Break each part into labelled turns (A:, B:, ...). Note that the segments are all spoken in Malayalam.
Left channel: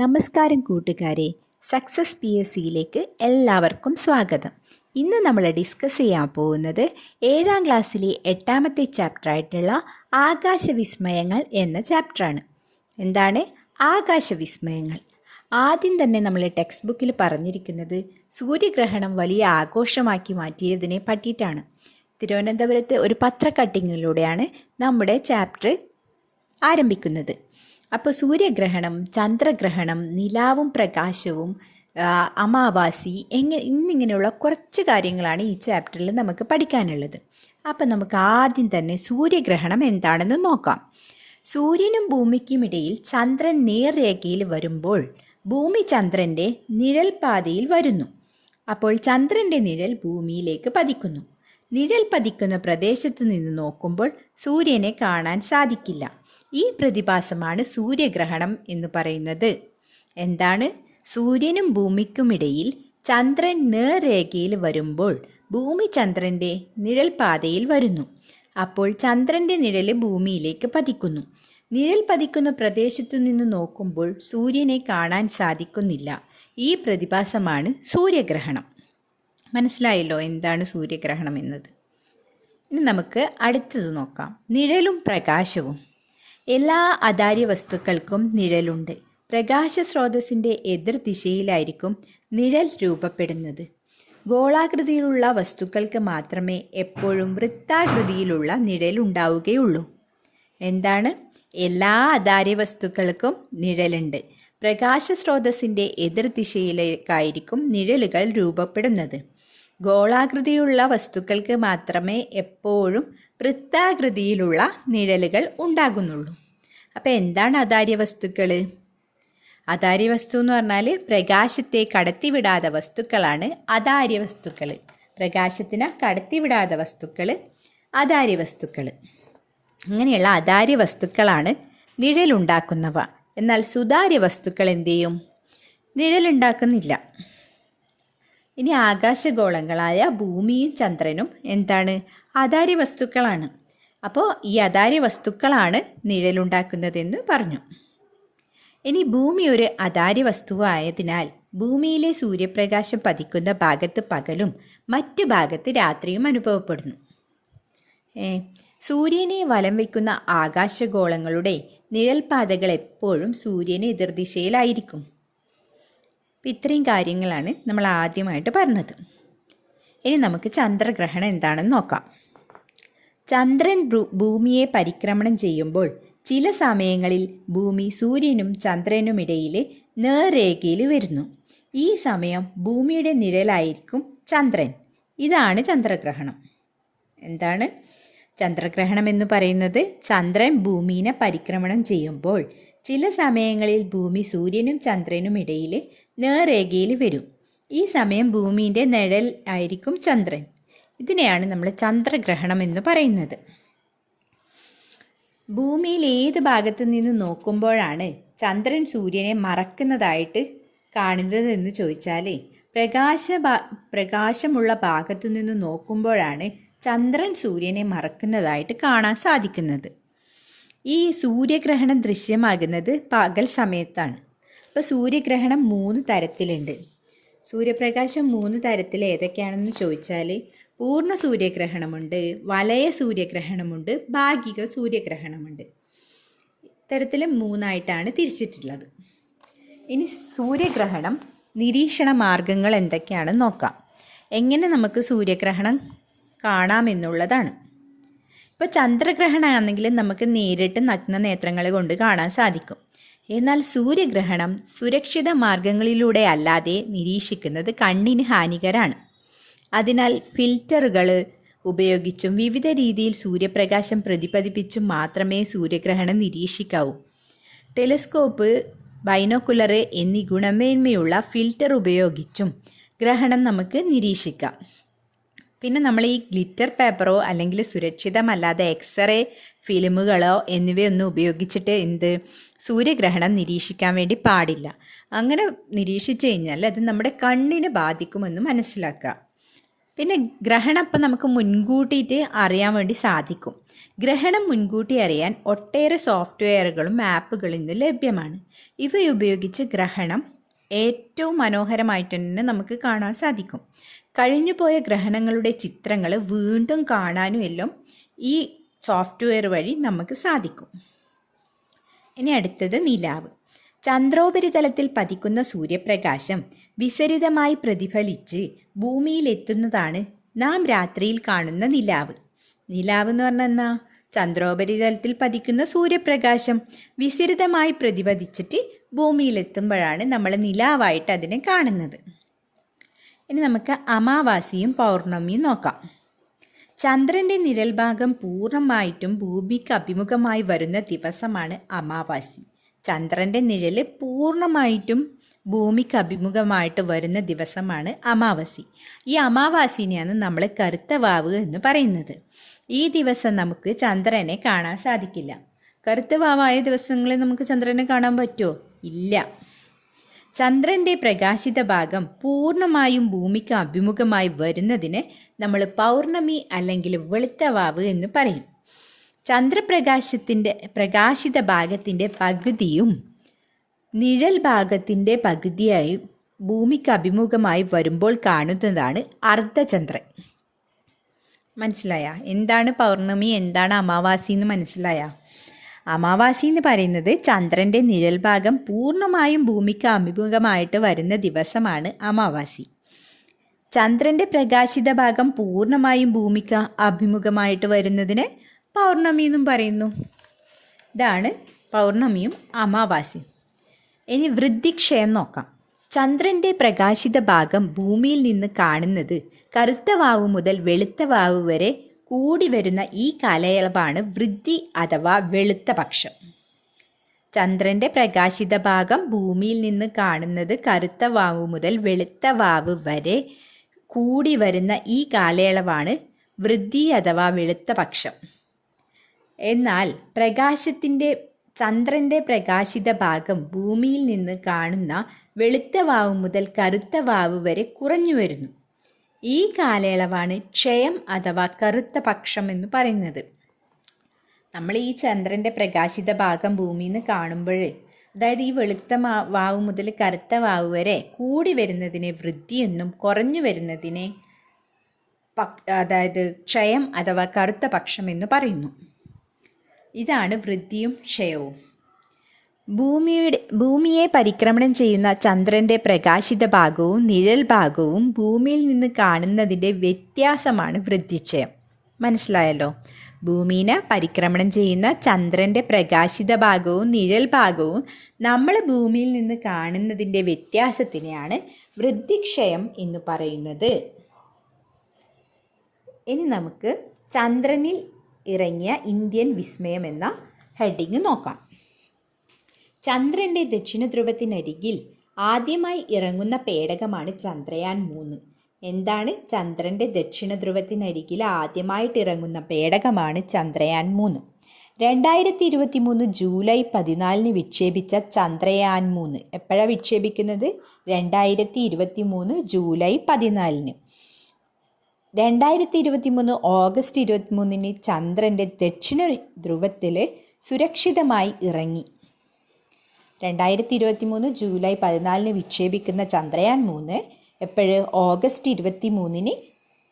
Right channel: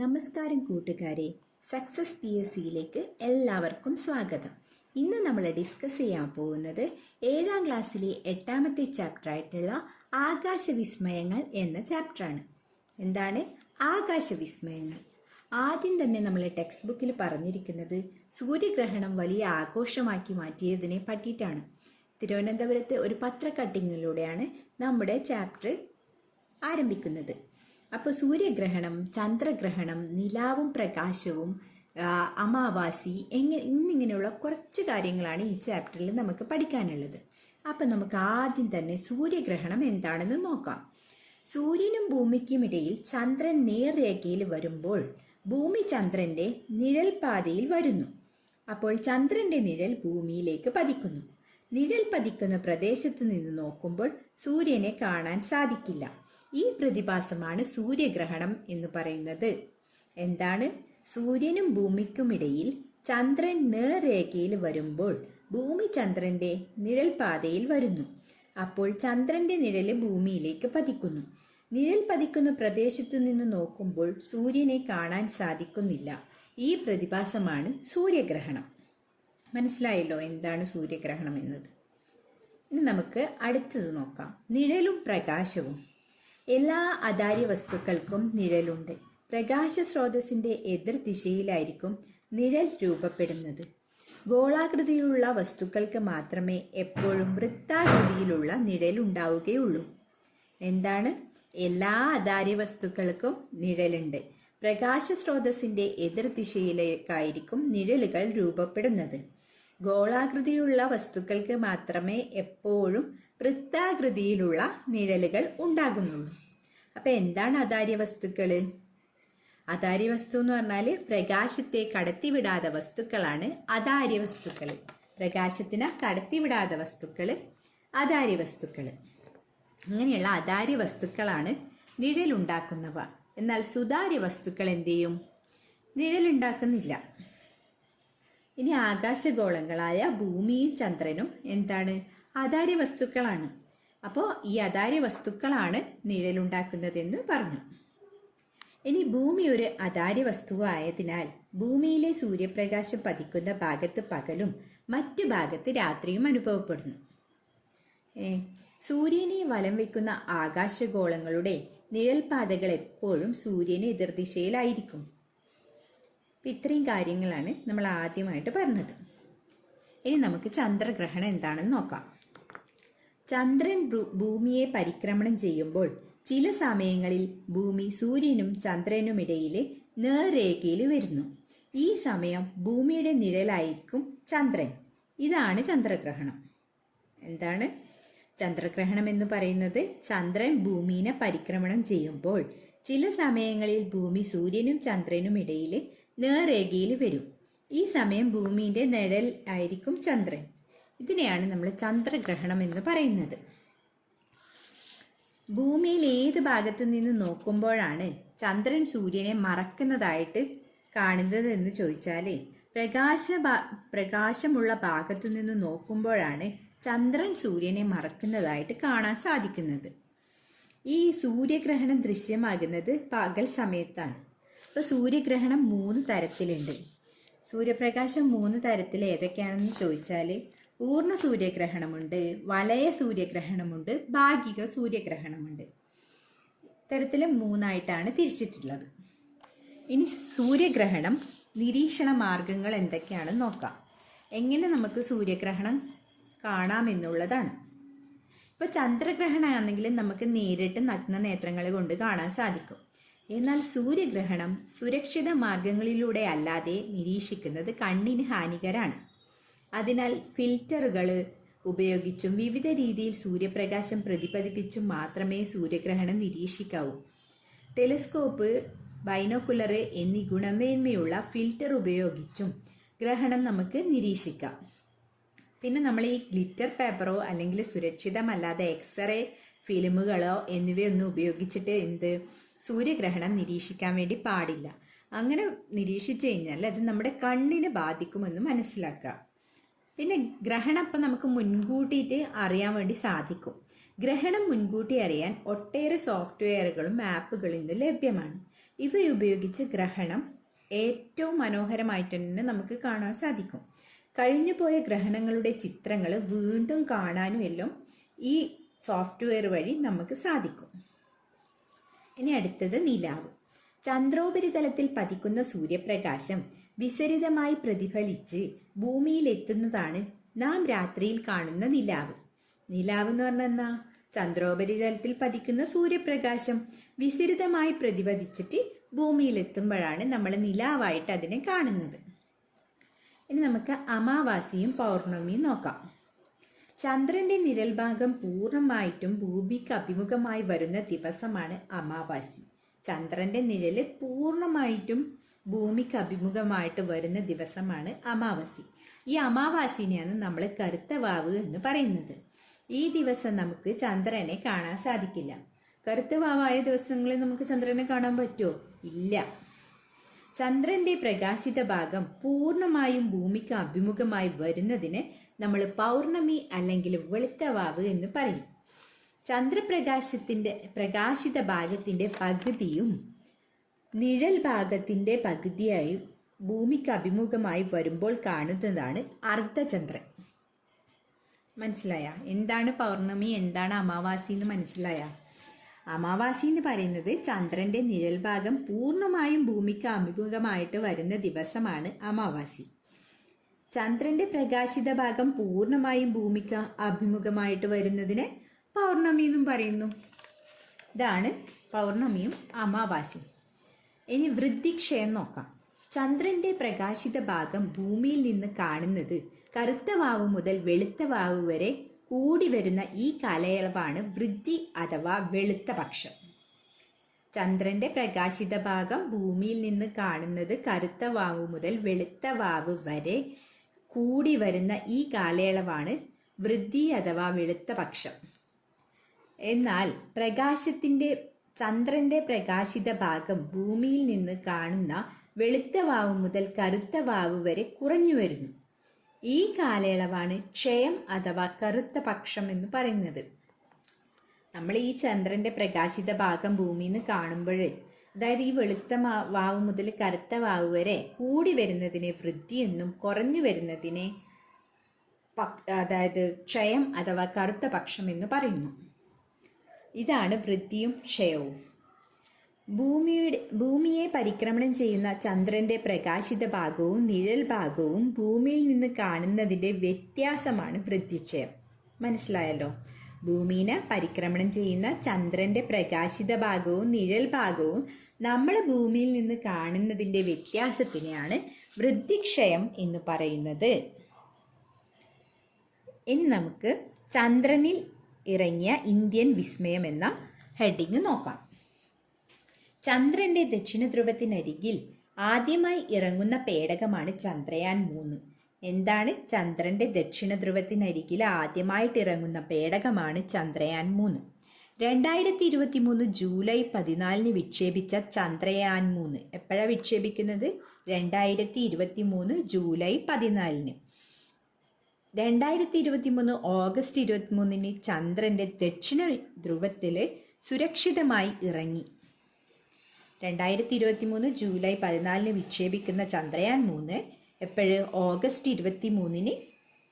A: നമസ്കാരം കൂട്ടുകാരെ. സക്സസ് പി എസ് സിയിലേക്ക് എല്ലാവർക്കും സ്വാഗതം. ഇന്ന് നമ്മൾ ഡിസ്കസ് ചെയ്യാൻ പോകുന്നത് ഏഴാം ക്ലാസ്സിലെ എട്ടാമത്തെ ചാപ്റ്ററായിട്ടുള്ള ആകാശവിസ്മയങ്ങൾ എന്ന ചാപ്റ്ററാണ് എന്താണ് ആകാശവിസ്മയങ്ങൾ? ആദ്യം തന്നെ നമ്മൾ ടെക്സ്റ്റ് ബുക്കിൽ പറഞ്ഞിരിക്കുന്നത് സൂര്യഗ്രഹണം വലിയ ആഘോഷമാക്കി മാറ്റിയതിനെ പറ്റിയിട്ടാണ്. തിരുവനന്തപുരത്ത് ഒരു പത്ര കട്ടിങ്ങിലൂടെയാണ് നമ്മുടെ ചാപ്റ്റർ ആരംഭിക്കുന്നത്. അപ്പോൾ സൂര്യഗ്രഹണം ചന്ദ്രഗ്രഹണം നിലാവും പ്രകാശവും അമാവാസി എങ്ങനെ ഇന്നിങ്ങനെയുള്ള കുറച്ച് കാര്യങ്ങളാണ് ഈ ചാപ്റ്ററിൽ നമുക്ക് പഠിക്കാനുള്ളത്. അപ്പോൾ നമുക്ക് ആദ്യം തന്നെ സൂര്യഗ്രഹണം എന്താണെന്ന് നോക്കാം. സൂര്യനും ഭൂമിക്കുമിടയിൽ ചന്ദ്രൻ നേർരേഖയിൽ വരുമ്പോൾ ഭൂമി ചന്ദ്രന്റെ നിഴൽ പാതയിൽ വരുന്നു. അപ്പോൾ ചന്ദ്രന്റെ നിഴൽ ഭൂമിയിലേക്ക് പതിക്കുന്നു. നിഴൽ പതിക്കുന്ന പ്രദേശത്ത് നിന്ന് നോക്കുമ്പോൾ സൂര്യനെ കാണാൻ സാധിക്കില്ല. ഈ പ്രതിഭാസമാണ് സൂര്യഗ്രഹണം എന്ന് പറയുന്നത്. എന്താണ്? സൂര്യനും ഭൂമിക്കുമിടയിൽ ചന്ദ്രൻ നേർരേഖയിൽ വരുമ്പോൾ ഭൂമി ചന്ദ്രന്റെ നിഴൽ പാതയിൽ വരുന്നു. അപ്പോൾ ചന്ദ്രന്റെ നിഴൽ ഭൂമിയിലേക്ക് പതിക്കുന്നു. നിഴൽ പതിക്കുന്ന പ്രദേശത്തു നിന്ന് നോക്കുമ്പോൾ സൂര്യനെ കാണാൻ സാധിക്കുന്നില്ല. ഈ പ്രതിഭാസമാണ് സൂര്യഗ്രഹണം. മനസ്സിലായല്ലോ എന്താണ് സൂര്യഗ്രഹണം എന്നത്? ഇനി നമുക്ക് അടുത്തത് നോക്കാം. നിഴലും പ്രകാശവും. എല്ലാ അതാര്യ വസ്തുക്കൾക്കും നിഴലുണ്ട്. പ്രകാശ സ്രോതസ്സിന്റെ എതിർ ദിശയിലായിരിക്കും നിഴൽ രൂപപ്പെടുന്നത്. ഗോളാകൃതിയിലുള്ള വസ്തുക്കൾക്ക് മാത്രമേ എപ്പോഴും വൃത്താകൃതിയിലുള്ള നിഴൽ ഉണ്ടാവുകയുള്ളൂ. എന്താണ്? എല്ലാ അതാര്യ വസ്തുക്കൾക്കും നിഴലുണ്ട്. പ്രകാശ സ്രോതസ്സിന്റെ എതിർ ദിശയിലേക്കായിരിക്കും നിഴലുകൾ രൂപപ്പെടുന്നത്. ഗോളാകൃതിയുള്ള വസ്തുക്കൾക്ക് മാത്രമേ എപ്പോഴും വൃത്താകൃതിയിലുള്ള നിഴലുകൾ ഉണ്ടാകുന്നുള്ളൂ. അപ്പോൾ എന്താണ് അതാര്യ വസ്തുക്കൾ അതാര്യ വസ്തു എന്ന് പറഞ്ഞാൽ പ്രകാശത്തെ കടത്തിവിടാത്ത വസ്തുക്കളാണ് അതാര്യ വസ്തുക്കൾ പ്രകാശത്തിന് കടത്തിവിടാത്ത വസ്തുക്കൾ അതാര്യ വസ്തുക്കൾ അങ്ങനെയുള്ള അതാര്യ വസ്തുക്കളാണ് നിഴലുണ്ടാക്കുന്നവ. എന്നാൽ സുതാര്യ വസ്തുക്കൾ എന്ത് ചെയ്യും? നിഴലുണ്ടാക്കുന്നില്ല. ഇനി ആകാശഗോളങ്ങളായ ഭൂമിയും ചന്ദ്രനും എന്താണ്? അതാര്യ വസ്തുക്കളാണ്. അപ്പോൾ ഈ അതാര്യ വസ്തുക്കളാണ് നിഴലുണ്ടാക്കുന്നതെന്ന് പറഞ്ഞു. ഇനി ഭൂമി ഒരു അതാര്യ വസ്തുവായതിനാൽ ഭൂമിയിലെ സൂര്യപ്രകാശം പതിക്കുന്ന ഭാഗത്ത് പകലും മറ്റു ഭാഗത്ത് രാത്രിയും അനുഭവപ്പെടുന്നു. സൂര്യനെ വലം വയ്ക്കുന്ന ആകാശഗോളങ്ങളുടെ നിഴൽപാതകൾ എപ്പോഴും സൂര്യനെ എതിർദിശയിലായിരിക്കും. അപ്പം ഇത്രയും കാര്യങ്ങളാണ് നമ്മൾ ആദ്യമായിട്ട് പറഞ്ഞത്. ഇനി നമുക്ക് ചന്ദ്രഗ്രഹണം എന്താണെന്ന് നോക്കാം. ചന്ദ്രൻ ഭൂമിയെ പരിക്രമണം ചെയ്യുമ്പോൾ ചില സമയങ്ങളിൽ ഭൂമി സൂര്യനും ചന്ദ്രനുമിടയിൽ നേർരേഖയിൽ വരുന്നു. ഈ സമയം ഭൂമിയുടെ നിഴലായിരിക്കും ചന്ദ്രൻ. ഇതാണ് ചന്ദ്രഗ്രഹണം. എന്താണ്? ചന്ദ്രഗ്രഹണം എന്ന് പറയുന്നത് ചന്ദ്രൻ ഭൂമിനെ പരിക്രമണം ചെയ്യുമ്പോൾ ചില സമയങ്ങളിൽ ഭൂമി സൂര്യനും ചന്ദ്രനും ഇടയിൽ നേർരേഖയിൽ വരും. ഈ സമയം ഭൂമിന്റെ നിഴൽ ആയിരിക്കും ചന്ദ്രൻ. ഇതിനെയാണ് നമ്മൾ ചന്ദ്രഗ്രഹണം എന്ന് പറയുന്നത്. ഭൂമിയിൽ ഏത് ഭാഗത്തു നിന്ന് നോക്കുമ്പോഴാണ് ചന്ദ്രൻ സൂര്യനെ മറക്കുന്നതായിട്ട് കാണുന്നത് എന്ന് ചോദിച്ചാൽ പ്രകാശ പ്രകാശമുള്ള ഭാഗത്തു നിന്ന് നോക്കുമ്പോഴാണ് ചന്ദ്രൻ സൂര്യനെ മറക്കുന്നതായിട്ട് കാണാൻ സാധിക്കുന്നത്. ഈ സൂര്യഗ്രഹണം ദൃശ്യമാകുന്നത് പകൽ സമയത്താണ്. അപ്പോൾ സൂര്യഗ്രഹണം മൂന്ന് തരത്തിലുണ്ട്. സൂര്യപ്രകാശം മൂന്ന് തരത്തിൽ ഏതൊക്കെയാണെന്ന് ചോദിച്ചാൽ പൂർണ സൂര്യഗ്രഹണമുണ്ട് വലയ സൂര്യഗ്രഹണമുണ്ട് ഭാഗിക സൂര്യഗ്രഹണമുണ്ട്. ഇത്തരത്തിൽ മൂന്നായിട്ടാണ് തിരിച്ചിട്ടുള്ളത്. ഇനി സൂര്യഗ്രഹണം നിരീക്ഷണ മാർഗങ്ങൾ എന്തൊക്കെയാണെന്ന് നോക്കാം. എങ്ങനെ നമുക്ക് സൂര്യഗ്രഹണം കാണാമെന്നുള്ളതാണ് ഇപ്പോൾ ചന്ദ്രഗ്രഹണമാണെങ്കിൽ നമുക്ക് നേരിട്ട് നഗ്ന നേത്രങ്ങൾ കൊണ്ട് കാണാൻ സാധിക്കും. എന്നാൽ സൂര്യഗ്രഹണം സുരക്ഷിത മാർഗങ്ങളിലൂടെ അല്ലാതെ നിരീക്ഷിക്കുന്നത് കണ്ണിന് ഹാനികരാണ്. അതിനാൽ ഫിൽറ്ററുകൾ ഉപയോഗിച്ചും വിവിധ രീതിയിൽ സൂര്യപ്രകാശം പ്രതിഫലിപ്പിച്ചും മാത്രമേ സൂര്യഗ്രഹണം നിരീക്ഷിക്കാവൂ. ടെലിസ്കോപ്പ് ബൈനോക്കുലർ എന്നീ ഗുണമേന്മയുള്ള ഫിൽറ്റർ ഉപയോഗിച്ചും ഗ്രഹണം നമുക്ക് നിരീക്ഷിക്കാം. പിന്നെ നമ്മൾ ഈ ഗ്ലിറ്റർ പേപ്പറോ അല്ലെങ്കിൽ സുരക്ഷിതമല്ലാതെ എക്സ്റേ ഫിലിമുകളോ എന്നിവയൊന്നും ഉപയോഗിച്ചിട്ട് എന്ത് സൂര്യഗ്രഹണം നിരീക്ഷിക്കാൻ വേണ്ടി പാടില്ല. അങ്ങനെ നിരീക്ഷിച്ചു കഴിഞ്ഞാൽ അത് നമ്മുടെ കണ്ണിനെ ബാധിക്കുമെന്ന് മനസ്സിലാക്കുക. പിന്നെ ഗ്രഹണം അപ്പം നമുക്ക് മുൻകൂട്ടിയിട്ട് അറിയാൻ വേണ്ടി സാധിക്കും. ഗ്രഹണം മുൻകൂട്ടി അറിയാൻ ഒട്ടേറെ സോഫ്റ്റ്വെയറുകളും ആപ്പുകളും ഇന്ന് ലഭ്യമാണ്. ഇവയുപയോഗിച്ച് ഗ്രഹണം ഏറ്റവും മനോഹരമായിട്ട് തന്നെ നമുക്ക് കാണാൻ സാധിക്കും. കഴിഞ്ഞുപോയ ഗ്രഹണങ്ങളുടെ ചിത്രങ്ങൾ വീണ്ടും കാണാനും എല്ലാം ഈ സോഫ്റ്റ്വെയർ വഴി നമുക്ക് സാധിക്കും. ഇനി അടുത്തത് നിലാവ്. ചന്ദ്രോപരിതലത്തിൽ പതിക്കുന്ന സൂര്യപ്രകാശം വിസരിതമായി പ്രതിഫലിച്ച് ഭൂമിയിലെത്തുന്നതാണ് നാം രാത്രിയിൽ കാണുന്ന നിലാവ്. നിലാവ് എന്ന് പറഞ്ഞാൽ എന്നാ ചന്ദ്രോപരിതലത്തിൽ പതിക്കുന്ന സൂര്യപ്രകാശം വിസരിതമായി പ്രതിപതിച്ചിട്ട് ഭൂമിയിലെത്തുമ്പോഴാണ് നമ്മൾ നിലാവായിട്ട് അതിനെ കാണുന്നത്. ഇനി നമുക്ക് അമാവാസിയും പൗർണമിയും നോക്കാം. ചന്ദ്രന്റെ നിഴൽഭാഗം പൂർണമായിട്ടും ഭൂമിക്ക് അഭിമുഖമായി വരുന്ന ദിവസമാണ് അമാവാസി. ചന്ദ്രന്റെ നിഴൽ പൂർണമായിട്ടും ഭൂമിക്ക് അഭിമുഖമായിട്ട് വരുന്ന ദിവസമാണ് അമാവാസി. ഈ അമാവാസിനെയാണ് നമ്മൾ കറുത്ത വാവ് എന്ന് പറയുന്നത്. ഈ ദിവസം നമുക്ക് ചന്ദ്രനെ കാണാൻ സാധിക്കില്ല. കറുത്ത വാവായ ദിവസങ്ങളിൽ നമുക്ക് ചന്ദ്രനെ കാണാൻ പറ്റുമോ? ഇല്ല. ചന്ദ്രന്റെ പ്രകാശിത ഭാഗം പൂർണമായും ഭൂമിക്ക് അഭിമുഖമായി വരുന്നതിന് നമ്മൾ പൗർണമി അല്ലെങ്കിൽ വെളുത്തവാവ് എന്ന് പറയും. ചന്ദ്രപ്രകാശത്തിന്റെ പ്രകാശിത ഭാഗത്തിന്റെ പകുതിയും നിഴൽ ഭാഗത്തിന്റെ പകുതിയായി ഭൂമിക്ക് അഭിമുഖമായി വരുമ്പോൾ കാണുന്നതാണ് അർദ്ധചന്ദ്രൻ. മനസ്സിലായ? എന്താണ് പൗർണമി? എന്താണ് അമാവാസി എന്ന് മനസ്സിലായ? അമാവാസി എന്ന് പറയുന്നത് ചന്ദ്രന്റെ നിഴൽ ഭാഗം പൂർണമായും ഭൂമിക്ക് അഭിമുഖമായിട്ട് വരുന്ന ദിവസമാണ് അമാവാസി. ചന്ദ്രന്റെ പ്രകാശിത ഭാഗം പൂർണമായും ഭൂമിക്ക് അഭിമുഖമായിട്ട് വരുന്നതിന് പൗർണമി എന്നും പറയുന്നു. ഇതാണ് പൗർണമിയും അമാവാസിയും ഇനി വൃദ്ധിക്ഷയം നോക്കാം. ചന്ദ്രന്റെ പ്രകാശിത ഭാഗം ഭൂമിയിൽ നിന്ന് കാണുന്നത് കറുത്ത വാവ് മുതൽ വെളുത്ത വാവ് വരെ കൂടി വരുന്ന ഈ കാലയളവാണ് വൃദ്ധി അഥവാ വെളുത്ത പക്ഷം. ചന്ദ്രന്റെ പ്രകാശിത ഭാഗം ഭൂമിയിൽ നിന്ന് കാണുന്നത് കറുത്ത വാവ് മുതൽ വെളുത്ത വാവ് വരെ കൂടി വരുന്ന ഈ കാലയളവാണ് വൃദ്ധി അഥവാ വെളുത്ത പക്ഷം. എന്നാൽ പ്രകാശത്തിന്റെ ചന്ദ്രന്റെ പ്രകാശിത ഭാഗം ഭൂമിയിൽ നിന്ന് കാണുന്ന വെളുത്ത വാവ് മുതൽ കറുത്ത വാവ് വരെ കുറഞ്ഞു വരുന്നു. ഈ കാലയളവാണ് ക്ഷയം അഥവാ കറുത്ത പക്ഷം എന്ന് പറയുന്നത്. നമ്മൾ ഈ ചന്ദ്രന്റെ പ്രകാശിത ഭാഗം ഭൂമിയിൽ നിന്ന് കാണുമ്പോൾ അതായത് ഈ വെളുത്ത വാവ് മുതൽ കറുത്ത വാവ് വരെ കൂടി വരുന്നതിനെ വൃദ്ധിയെന്നും കുറഞ്ഞു വരുന്നതിനെ അതായത് ക്ഷയം അഥവാ കറുത്ത പക്ഷം എന്ന് പറയുന്നു. ഇതാണ് വൃദ്ധിയും ക്ഷയവും. ഭൂമിയുടെ ഭൂമിയെ പരിക്രമണം ചെയ്യുന്ന ചന്ദ്രന്റെ പ്രകാശിത ഭാഗവും നിഴൽ ഭാഗവും ഭൂമിയിൽ നിന്ന് കാണുന്നതിന്റെ വ്യത്യാസമാണ് വൃദ്ധിക്ഷയം മനസ്സിലായല്ലോ? ഭൂമിനെ പരിക്രമണം ചെയ്യുന്ന ചന്ദ്രന്റെ പ്രകാശിത ഭാഗവും നിഴൽ ഭാഗവും നമ്മൾ ഭൂമിയിൽ നിന്ന് കാണുന്നതിന്റെ വ്യത്യാസത്തിനെയാണ് വൃദ്ധിക്ഷയം എന്ന് പറയുന്നത്. ഇനി നമുക്ക് ചന്ദ്രനിൽ ഇറങ്ങിയ ഇന്ത്യൻ വിസ്മയം എന്ന ഹെഡിങ് നോക്കാം. ചന്ദ്രന്റെ ദക്ഷിണ ധ്രുവത്തിനരികിൽ ആദ്യമായി ഇറങ്ങുന്ന പേടകമാണ് ചന്ദ്രയാൻ മൂന്ന്. എന്താണ് ചന്ദ്രന്റെ ദക്ഷിണ ധ്രുവത്തിനരികിൽ ആദ്യമായിട്ട് ഇറങ്ങുന്ന പേടകമാണ് ചന്ദ്രയാൻ മൂന്ന്. രണ്ടായിരത്തി ഇരുപത്തി മൂന്ന് ജൂലൈ പതിനാലിന് വിക്ഷേപിച്ച ചന്ദ്രയാൻ മൂന്ന്. എപ്പോഴാണ് വിക്ഷേപിക്കുന്നത്? രണ്ടായിരത്തി ഇരുപത്തി മൂന്ന് ജൂലൈ പതിനാലിന്. രണ്ടായിരത്തി ഇരുപത്തി മൂന്ന് ഓഗസ്റ്റ് ഇരുപത്തി മൂന്നിന് ചന്ദ്രന്റെ ദക്ഷിണ ധ്രുവത്തിൽ സുരക്ഷിതമായി ഇറങ്ങി. രണ്ടായിരത്തി ഇരുപത്തി മൂന്ന് ജൂലൈ പതിനാലിന് വിക്ഷേപിക്കുന്ന ചന്ദ്രയാൻ മൂന്ന്. എപ്പോഴ്? ഓഗസ്റ്റ് ഇരുപത്തി മൂന്നിന്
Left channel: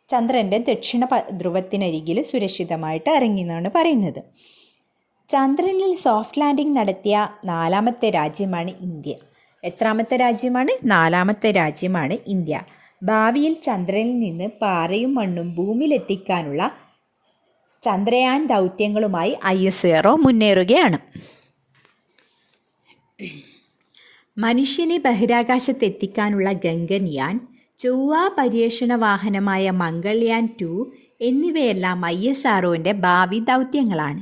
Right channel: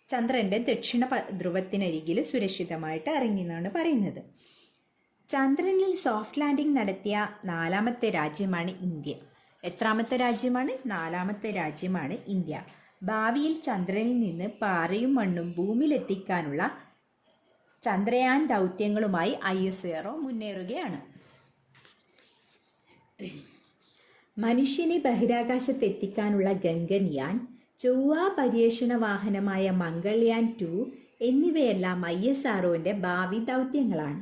A: ചന്ദ്രന്റെ ദക്ഷിണ ധ്രുവത്തിനരികിൽ സുരക്ഷിതമായിട്ട് ഇറങ്ങി എന്നാണ് പറയുന്നത്. ചന്ദ്രനിൽ സോഫ്റ്റ് ലാൻഡിംഗ് നടത്തിയ നാലാമത്തെ രാജ്യമാണ് ഇന്ത്യ. എത്രാമത്തെ രാജ്യമാണ്? നാലാമത്തെ രാജ്യമാണ് ഇന്ത്യ. ഭാവിയിൽ ചന്ദ്രനിൽ നിന്ന് പാറയും മണ്ണും ഭൂമിയിലെത്തിക്കാനുള്ള ചന്ദ്രയാൻ ദൗത്യങ്ങളുമായി ഐ എസ് മുന്നേറുകയാണ്. മനുഷ്യനെ ബഹിരാകാശത്തെത്തിക്കാനുള്ള ഗംഗൻയാൻ ചൊവ്വ പര്യവേഷണ വാഹനമായ മംഗൾയാൻ ടു എന്നിവയെല്ലാം ഐ എസ് ആർഒന്റെ ഭാവി ദൗത്യങ്ങളാണ്.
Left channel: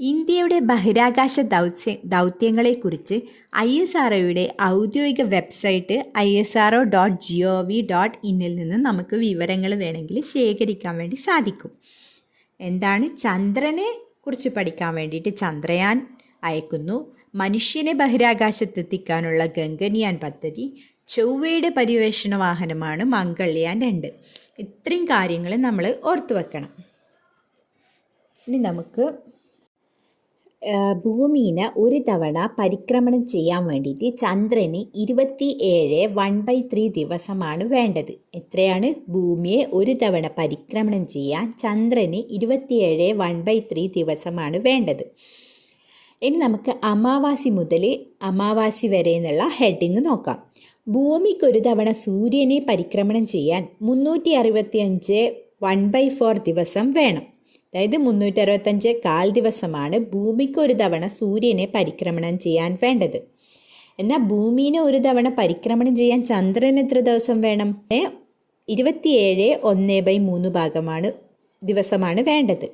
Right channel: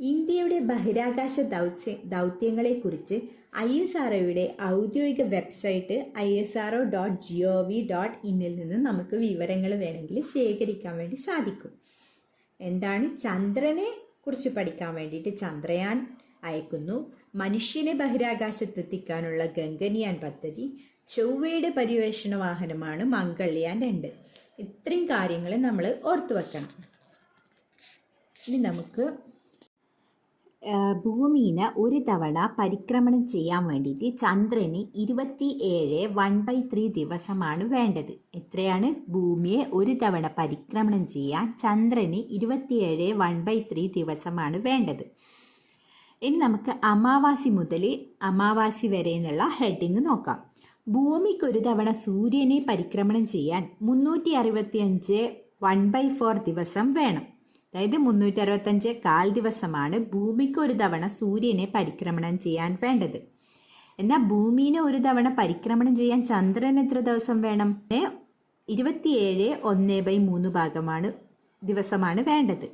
A: ഇന്ത്യയുടെ ബഹിരാകാശ ദൗത്യ ദൗത്യങ്ങളെക്കുറിച്ച് ഐ എസ് ആർ ഔദ്യോഗിക website I S R O dot G O V dot ഇന്നിൽ നിന്ന് നമുക്ക് വിവരങ്ങൾ വേണമെങ്കിൽ ശേഖരിക്കാൻ വേണ്ടി സാധിക്കും. എന്താണ്? ചന്ദ്രനെ കുറിച്ച് പഠിക്കാൻ വേണ്ടിയിട്ട് ചന്ദ്രയാൻ അയക്കുന്നു. മനുഷ്യനെ ബഹിരാകാശത്തെത്തിക്കാനുള്ള ഗംഗനിയാൻ പദ്ധതി ചൊവ്വയുടെ പര്യവേഷണ വാഹനമാണ് മംഗൾയാൻ രണ്ട്. ഇത്രയും കാര്യങ്ങൾ നമ്മൾ ഓർത്തു വെക്കണം. ഇനി നമുക്ക് ഭൂമിനെ ഒരു തവണ പരിക്രമണം ചെയ്യാൻ വേണ്ടിയിട്ട് ചന്ദ്രന് ഇരുപത്തി ഏഴ് വൺ ബൈ ത്രീ ദിവസമാണ് വേണ്ടത്. എത്രയാണ്? ഭൂമിയെ ഒരു തവണ പരിക്രമണം ചെയ്യാൻ ചന്ദ്രന് ഇരുപത്തിയേഴ് വൺ ബൈ ത്രീ ദിവസമാണ് വേണ്ടത്. ഇനി നമുക്ക് അമാവാസി മുതൽ അമാവാസി വരെ എന്നുള്ള ഹെഡിങ് നോക്കാം. ഭൂമിക്ക് ഒരു തവണ സൂര്യനെ പരിക്രമണം ചെയ്യാൻ മുന്നൂറ്റി അറുപത്തി അഞ്ച് വൺ ബൈ ഫോർ ദിവസം വേണം. അതായത് മുന്നൂറ്റി അറുപത്തഞ്ച് കാൽ ദിവസമാണ് ഭൂമിക്ക് ഒരു തവണ സൂര്യനെ പരിക്രമണം ചെയ്യാൻ വേണ്ടത്. എന്നാൽ ഭൂമിനെ ഒരു തവണ പരിക്രമണം ചെയ്യാൻ ചന്ദ്രന് എത്ര ദിവസം വേണം? ഇരുപത്തിയേഴ് ഒന്ന് ബൈ മൂന്ന് ഭാഗമാണ് ദിവസമാണ് വേണ്ടത്.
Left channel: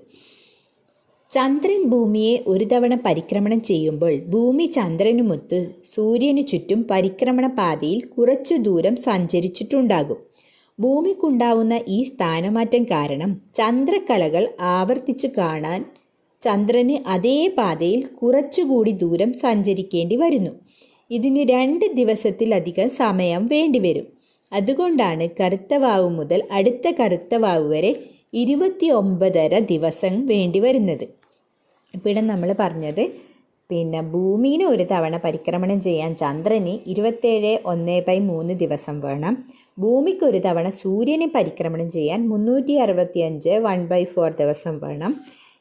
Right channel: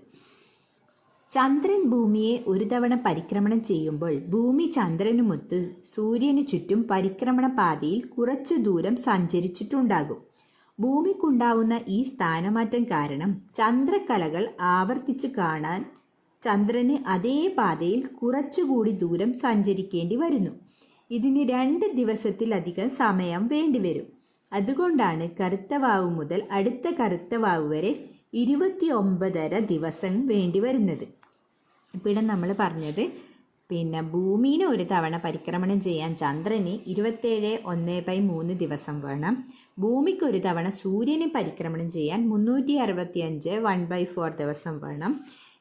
A: ചന്ദ്രൻ ഭൂമിയെ ഒരു തവണ പരിക്രമണം ചെയ്യുമ്പോൾ ഭൂമി ചന്ദ്രനുമൊത്ത് സൂര്യനു ചുറ്റും പരിക്രമണ പാതയിൽ കുറച്ചു ദൂരം സഞ്ചരിച്ചിട്ടുണ്ടാകും. ഭൂമിക്കുണ്ടാവുന്ന ഈ സ്ഥാനമാറ്റം കാരണം ചന്ദ്രക്കലകൾ ആവർത്തിച്ചു കാണാൻ ചന്ദ്രന് അതേ പാതയിൽ കുറച്ചുകൂടി ദൂരം സഞ്ചരിക്കേണ്ടി വരുന്നു. ഇതിന് രണ്ട് ദിവസത്തിലധികം സമയം വേണ്ടിവരും അതുകൊണ്ടാണ് കറുത്ത വാവ് മുതൽ അടുത്ത കറുത്ത വാവ് വരെ ഇരുപത്തി ഒമ്പതര ദിവസം വേണ്ടി വരുന്നത്. ഇപ്പോൾ നമ്മൾ പറഞ്ഞത്. പിന്നെ ഭൂമിനെ ഒരു തവണ പരിക്രമണം ചെയ്യാൻ ചന്ദ്രന് ഇരുപത്തേഴ് ഒന്ന് ബൈ മൂന്ന് ദിവസം വേണം. ഭൂമിക്ക് ഒരു തവണ സൂര്യനെ പരിക്രമണം ചെയ്യാൻ മുന്നൂറ്റി അറുപത്തി അഞ്ച് വൺ ബൈ ഫോർ ദിവസം വേണം.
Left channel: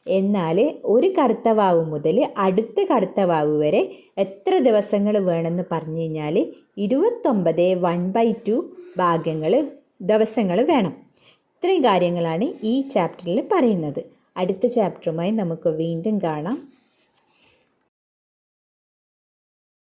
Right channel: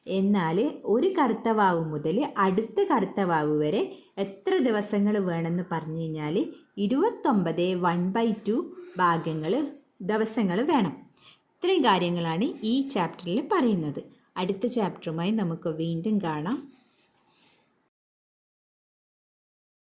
A: എന്നാൽ ഒരു കറുത്ത വാവ് മുതൽ അടുത്ത കറുത്ത വാവ് വരെ എത്ര ദിവസങ്ങൾ വേണമെന്ന് പറഞ്ഞു കഴിഞ്ഞാൽ ഇരുപത്തൊമ്പത് വൺ ബൈ ടു ഭാഗങ്ങൾ ദിവസങ്ങൾ വേണം. ഇത്രയും കാര്യങ്ങളാണ് ഈ ചാപ്റ്ററിൽ പറയുന്നത്. അടുത്ത ചാപ്റ്ററുമായി നമുക്ക് വീണ്ടും കാണാം.